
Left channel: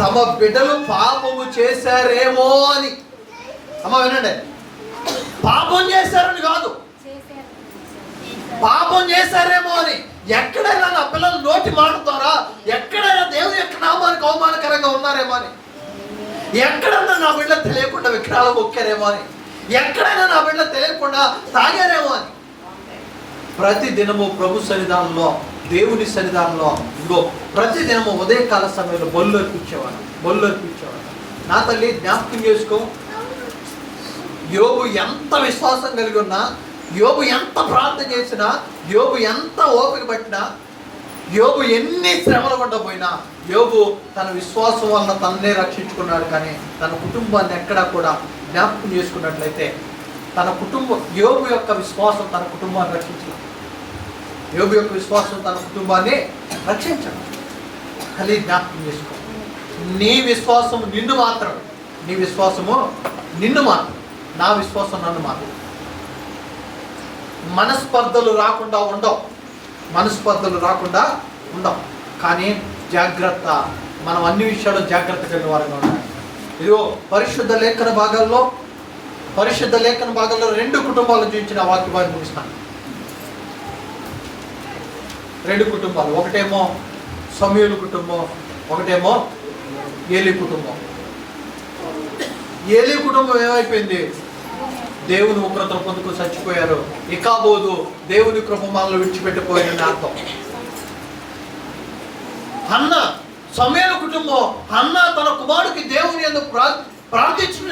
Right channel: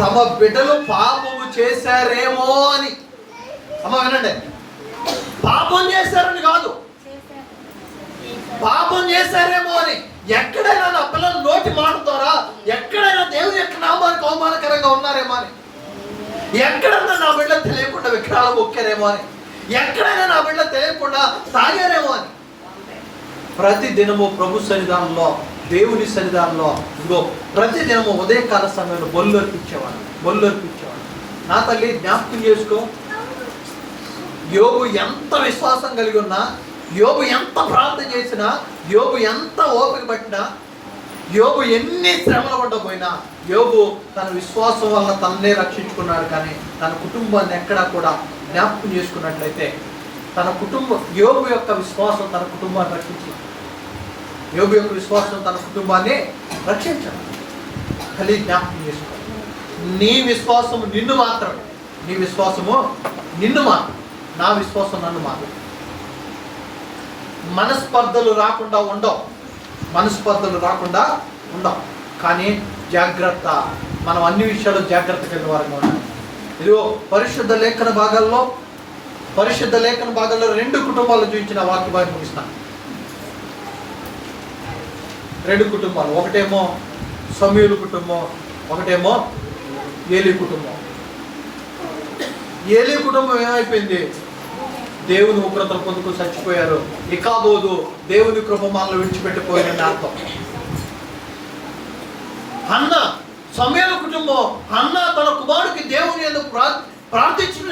తమ బిడ్డలు పాపము చేశారేమో అని. అమ్మ వినండి, పాపం చేశారని కాదు, పాపం చేశారేమో అని. ఎక్కడైనా నా పిల్లలు నోటి మాట ద్వారా ఎక్కడైనా దేవుని యొక్క నామానికి అవమానకరంగా ఉన్నారేమో అని, ఎక్కడైనా నా బిడ్డలు తెలియకుండా విగ్రహాలు మొక్కారేమో అని, ఎక్కడైనా నా బిడ్డలు తెలియకుండా తాగారేమో అని. ప్రతి దినము ప్రభు సన్నిధానంలో, దేవుని సన్నిధానంలో ఇదిగో ప్రతి దినము ఉదయకాల సమయంలో బలులు అర్పించేవాడు. నా తల్లి జ్ఞాపకం చేసుకో, యోబు ఎంత విశ్వాసం కలిగి ఉన్నా, యోబు ఎంత ప్రార్థన చేసినా, యోబు ఎంత ఓపిక పట్టినా, యోబు ఎన్ని శ్రమలు పడ్డపోయినా, యోబు తన విశ్వాసం వలన తననే రక్షించుకున్నాడు. కానీ తన కుటుంబాన్ని ఎక్కడా కూడా జ్ఞాపకం చేసుకున్నట్లయితే యోబు యొక్క విశ్వాసం తన కుటుంబాన్ని రక్షించలేదు. యోబు యొక్క విశ్వాసం తన కుటుంబాన్ని రక్షించడం. కలిగి జ్ఞాపకం చేసుకో, నీ విశ్వాసము నిన్ను మాత్రమే, నీ విశ్వాసము నిన్ను మాత్రం, నా విశ్వాసం నన్ను మాత్రం. మనస్పర్ధలు రాకుండా ఉండవు. కానీ జాగ్రత్త, మనం అన్ని విషయాల్లో జాగ్రత్త కలిగిన వారంగా ఉండాలి. ఇదిగో పరిశుద్ధ లేఖన భాగాల్లో 2 కుటుంబాలు చూపించిన వాక్యాన్ని ముగిస్తాను. 2 కుటుంబాలు, ఒకటేమో సమూయేలు కుటుంబం, ఒకటేమో ఏలీ కుటుంబం. ఏలీ కుటుంబం ఏమైపోయింది? దేవుని ఉగ్రత పొందుకు చచ్చిపోయారు. ఇకాబోదు దేవుని కృప మనల్ని విడిచిపెట్టిపోయిన అర్థం. హన్న, సమూయేలు కుటుంబం, హన్న తన కుమారుడికి దేవుని ఎందుకు ప్రార్థించడం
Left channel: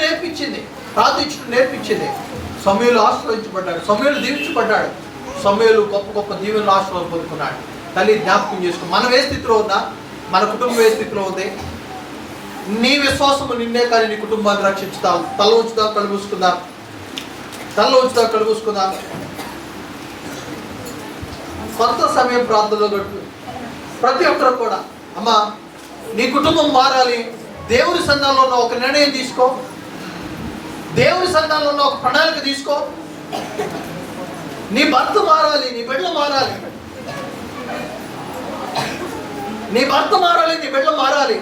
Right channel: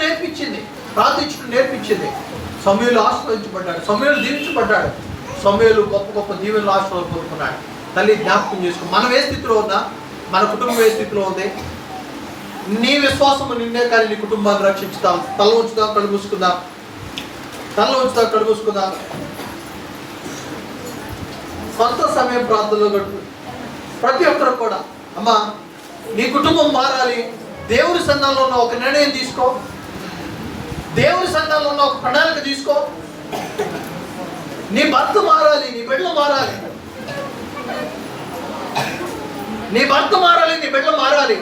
నేర్పించింది. సమూయేలు ఆశీర్వదించబడ్డాడు, సమూయేలు దీవించబడ్డాడు, సమూయేలు గొప్ప దీవెనలు ఆశీర్వాదం పొందుకున్నాడు. తల్లి జ్ఞాపకం చేసుకో, మనం ఏ స్థితిలో ఉన్నా, మన కుటుంబం ఏ స్థితిలో ఉంది, నీ విశ్వాసము నిన్నే కానీ నీ కుటుంబాన్ని రక్షించుతావు. తల ఉంచుదాం, కళ్ళు మూసుకుందాం. కొంత సమయం ప్రార్థనలో గడుపు. ప్రతి ఒక్కరు కూడా, అమ్మా నీ కుటుంబం మారాలి, దేవుని సన్నిధానంలో ఉన్న ఒక నిర్ణయం తీసుకో, దేవుని సన్నిధానంలో ఉన్న ఒక ప్రణాళిక తీసుకో. నీ భర్త మారాలి, నీ బిడ్డలు మారాలి, నీ భర్త మారాలి, నీ బిడ్డలు మారాలి.